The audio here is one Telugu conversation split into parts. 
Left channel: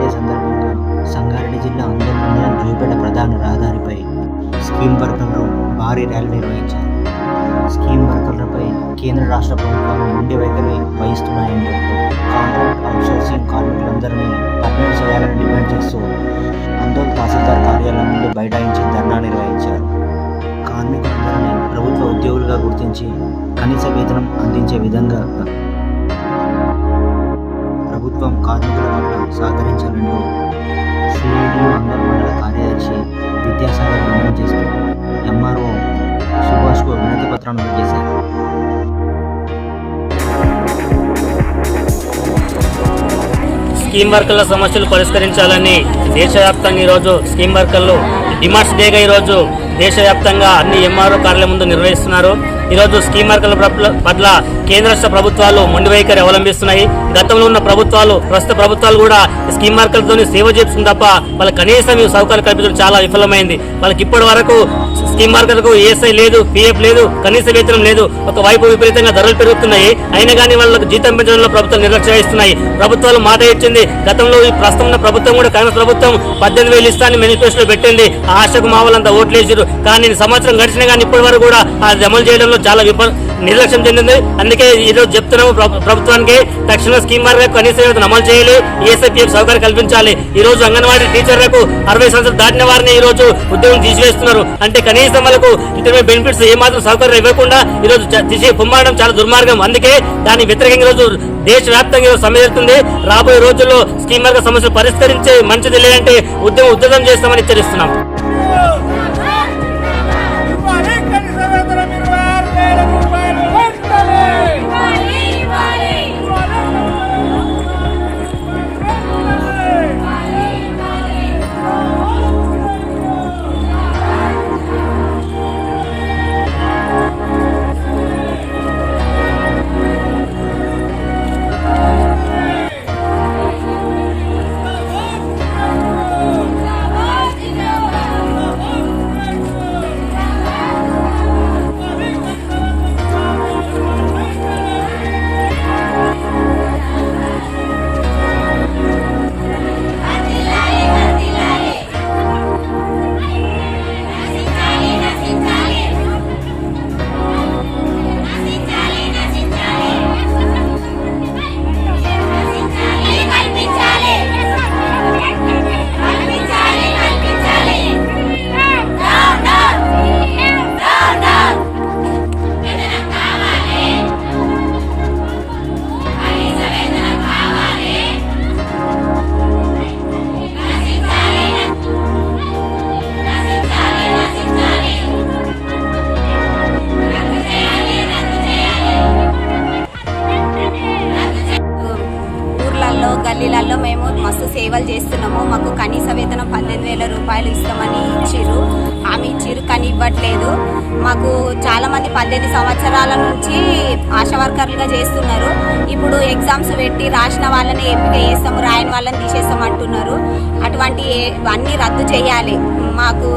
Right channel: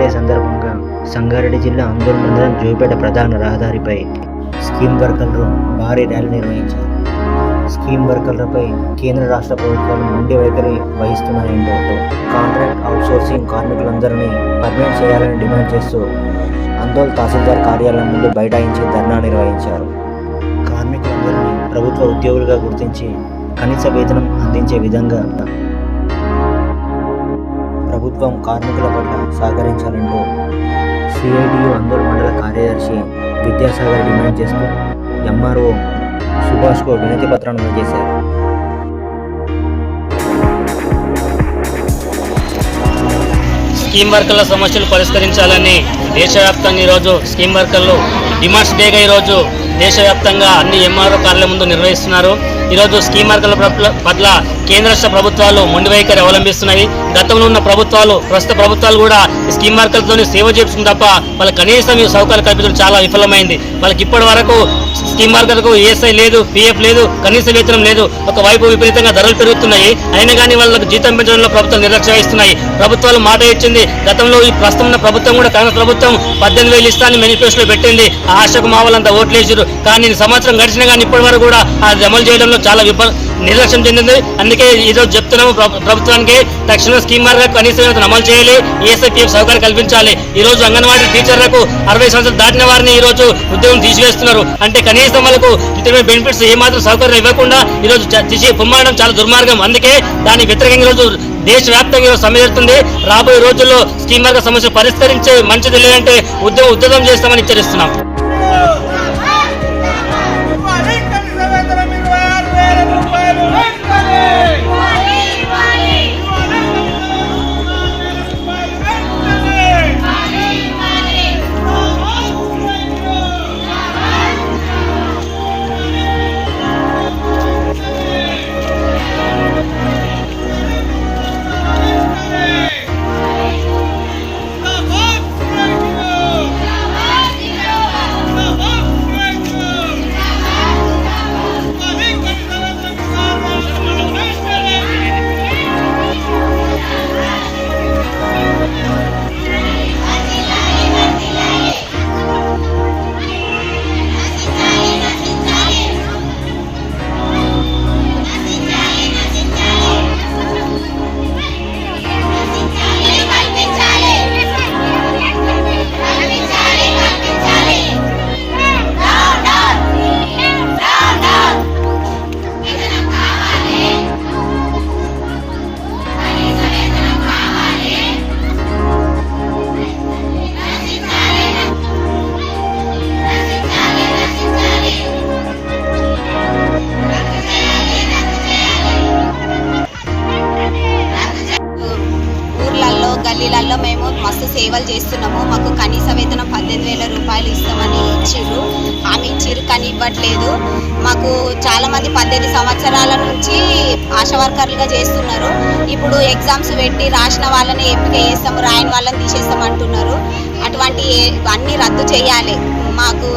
డే సందర్భంగా సంగారెడ్డి జిల్లా అందూరు మండలం జోయిపేట ప్రధాన రహదారిపై స్కీమ్ వర్కర్లు భారీ ర్యాలీ నిర్వహించారు. స్కీమ్ వర్కర్లపై కేంద్ర రాష్ట్ర ప్రభుత్వాలు మొండి వైఖరి వహిస్తున్నాయంటూ కాంట్రాక్ట్ అవుట్సోర్సింగ్ కార్మికులందరినీ పర్మనెంట్ చేయాలని డిమాండ్ చేస్తూ అందోల్ తహసీల్దార్ కార్యాలయం ముందు బైఠాయించి ధర్నా నిర్వహించారు. కార్మికులందరినీ ప్రభుత్వ ఉద్యోగులుగా గుర్తించి కనీస వేతనం అందించే విధంగా ప్రభుత్వం కార్మికుల పట్ల సహకరించాలంటూ సిఐటియు అందోల్ మండల కార్యదర్శి విద్యాసాగర్ డిమాండ్ చేస్తూ ఎంఆర్ఓ సుభాష్కు వినతి పత్రాన్ని అందజేశారు. స్కీమ్ వర్కర్ల సమస్యలు పరిష్కరించాలని దేశవ్యాప్తంగా ఈరోజు స్కీమ్ వర్కర్లు డిమాండ్స్ డేగా ఈరోజు దేశవ్యాప్తంగా అన్ని ఎంఆర్ఓ కార్యాలయం ముందు నిర్వహిస్తున్నారు. ఈరోజు స్కీమ్ వర్కర్ల పట్ల కేంద్ర రాష్ట్ర ప్రభుత్వాలు మొండి వైఖరి అవలంబిస్తున్నాయి. గతంలో ఉన్న ప్రభుత్వాలు ప్రస్తుత ప్రభుత్వాలు కూడా స్కీమ్ వర్కర్లతో సేవ చేస్తుంది తప్ప వాళ్ళకి కనీసం ఈ సౌకర్యాలు కల్పించడం చాలా విఫలమైంది. వాళ్ళకి ఇప్పటి వరకు స్కీమ్ వర్కర్లకు ఈఎస్ఐ లేదు, పిఎఫ్ లేదు, కనీస వేతనం లేదు. ఒకవైపు విపరీతంగా ధరలు పెరుగుతున్నాయి, అయినా కానీ వాళ్ళకు జీతం పెంచడంలో ప్రభుత్వాలు నిర్లక్ష్యం వహిస్తున్నాయి. ప్రభుత్వాలు మాట ఇచ్చింది. గతంలో ఈ ప్రస్తుతం ఉన్న ప్రభుత్వం కూడా కాంగ్రెస్ ప్రభుత్వం 18,000 ఇస్తానని మేనిఫెస్టోలో పెట్టింది. ఆ ఆశకు మా వాళ్ళంతా ఓట్లు వేసారు. కానీ సంవత్సరం గడిచినా కానీ ఇప్పటి వరకు కూడా అది అమలు చేయడంలో చాలా నిర్లక్ష్యం చెందింది. అందుకే ఈరోజు చెప్తున్నాము ప్రభుత్వానికి తక్షణం స్కీమ్ వర్కర్లకు కనీస వేతనం అమలు చేయాలి, ఈఎస్ఐ పిఎఫ్ సౌకర్యం కల్పించాలి. ఈ రోజు అంగన్వాడీ టీచర్లకు 60 సంవత్సరాలు దాటిన వారిని ఈ రోజు ఉద్యోగం తీసివేస్తున్నారు. అంటే కనీసం వాళ్ళకు ఇంటర్మీడియట్ బెనిఫిట్స్ ఏమాత్రం సౌకర్యం ఇవ్వకుండా ఈరోజు తీసి పొమ్మడం చాలా దుర్మార్గం. అందుకే దాని వ్యతిరేకంగా ఈరోజు దేశవ్యాప్తంగా సమ్మె జరుగుతుంది. రాబోయే రోజుల్లో స్కీమ్ వర్కర్ సమస్యలు పరిష్కరించే మంచిది లేదంటే ఉద్యమం చేస్తామని హెచ్చరిస్తున్నాం. గల్లీలలో మేము మస్తు సేవలు చేస్తున్నాము. మాకు కనీస వేతనం 18,000 రూపాయలు ఇస్తామని హామీ ఇచ్చిర్రు, కానీ ఇవ్వట్లేదు. మాకు చాలామంది 18 సంవత్సరాల నుంచి ఆశా వర్కర్లుగా చేస్తున్నారు. ఇప్పుడు ఎగ్జామ్స్ పెట్టి రాసిన వాళ్ళని ఎంపిక చేస్తాము, రాయని వాళ్ళని తీసేస్తాం అంటున్నారు. అటువంటి అన్నీ రద్దు చేయాలి. మాకు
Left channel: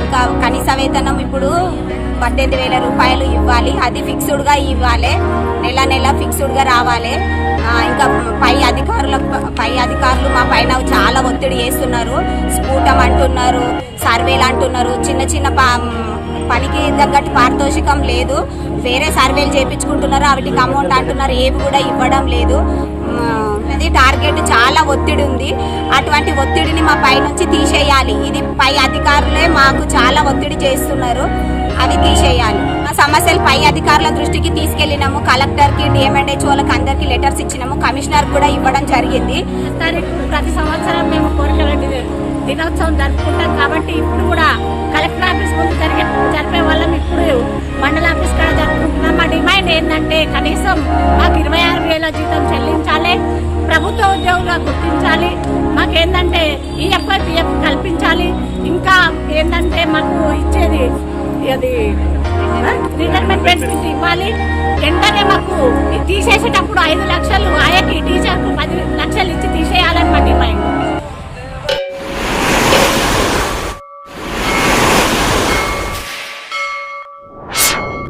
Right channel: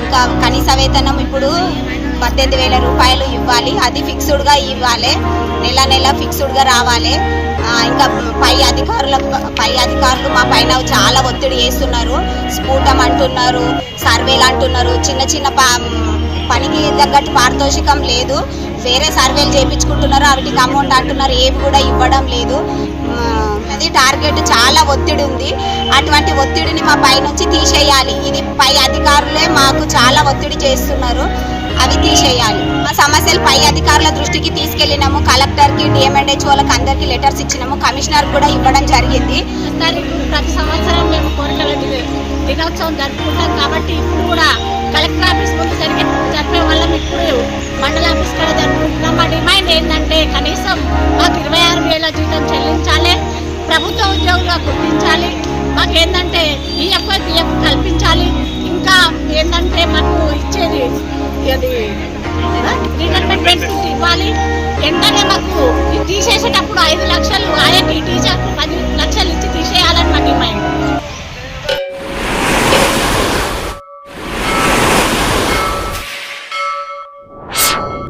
ఇంకా కనీస వేతనం ఇప్పుడు 18,000 రూపాయలు ఇవ్వాలి. అది ఫిక్స్డ్గా ఇవ్వాలి, నెల ఫిక్స్డ్గా రావాలి. ఇంకా పై అధికారులు మా పైన చాలా ఒత్తిడి చేస్తున్నారు. స్ఫూటం అంటున్నారు, సర్వేలు అంటున్నారు. చిన్న పనికి తగ్గట్టు పారితోషికం లేదు, వేరే సర్వేలు చేయించుకుంటున్నారు, వాటికి అమౌంట్ అంటున్నారు, ఏవి కూడా ఇవ్వడం లేదు. అది టార్గెట్ చాలా ఒత్తిడి ఉంది. అటువంటి ఒత్తిడిని మా పై నుంచి తీసేయాలి. ఇది పై అధికారులే మాకు చాలా ఒత్తిడి చేస్తున్నారు, అవి తీసేయాలి. మా సమస్యలు పై అధికారుల దృష్టికి తీసుకెళ్ళినాము. కలెక్టర్కి, డిఎంఎండ్హెచ్ వాళ్ళకి అందరికీ లెటర్స్ ఇచ్చినాము. కమిషనర్ కూడా ఇవ్వడం జరిగింది. ప్రతి సంవత్సరం మేము కోరికల దినోత్సవం జరుపుకుంటాం కాబట్టి ఇప్పుడు కూడా కలెక్టర్ ఆఫీస్ ముందు జరిపే వాళ్ళం ఇప్పుడు మండల ఆఫీస్ కూడా జరుపుకుంటున్నాం. మా డిమాండ్ ఏంటంటే కనీసం మాకు 26,000 జీతం చెల్లించాలి, ప్రభుత్వ ఉద్యోగులుగా గుర్తించాలి. మాకేంటంటే ఈఎఫ్ఐ పిఎఫ్ కల్పించాలి. ఇంకా ఏంటంటే మాకు ఇచ్చేది అది రిటైర్మెంట్ బెనిఫిట్ ఇవ్వాలి. వెంటనే మాకు ఇది తీసేసేటప్పుడు 5 లక్షలు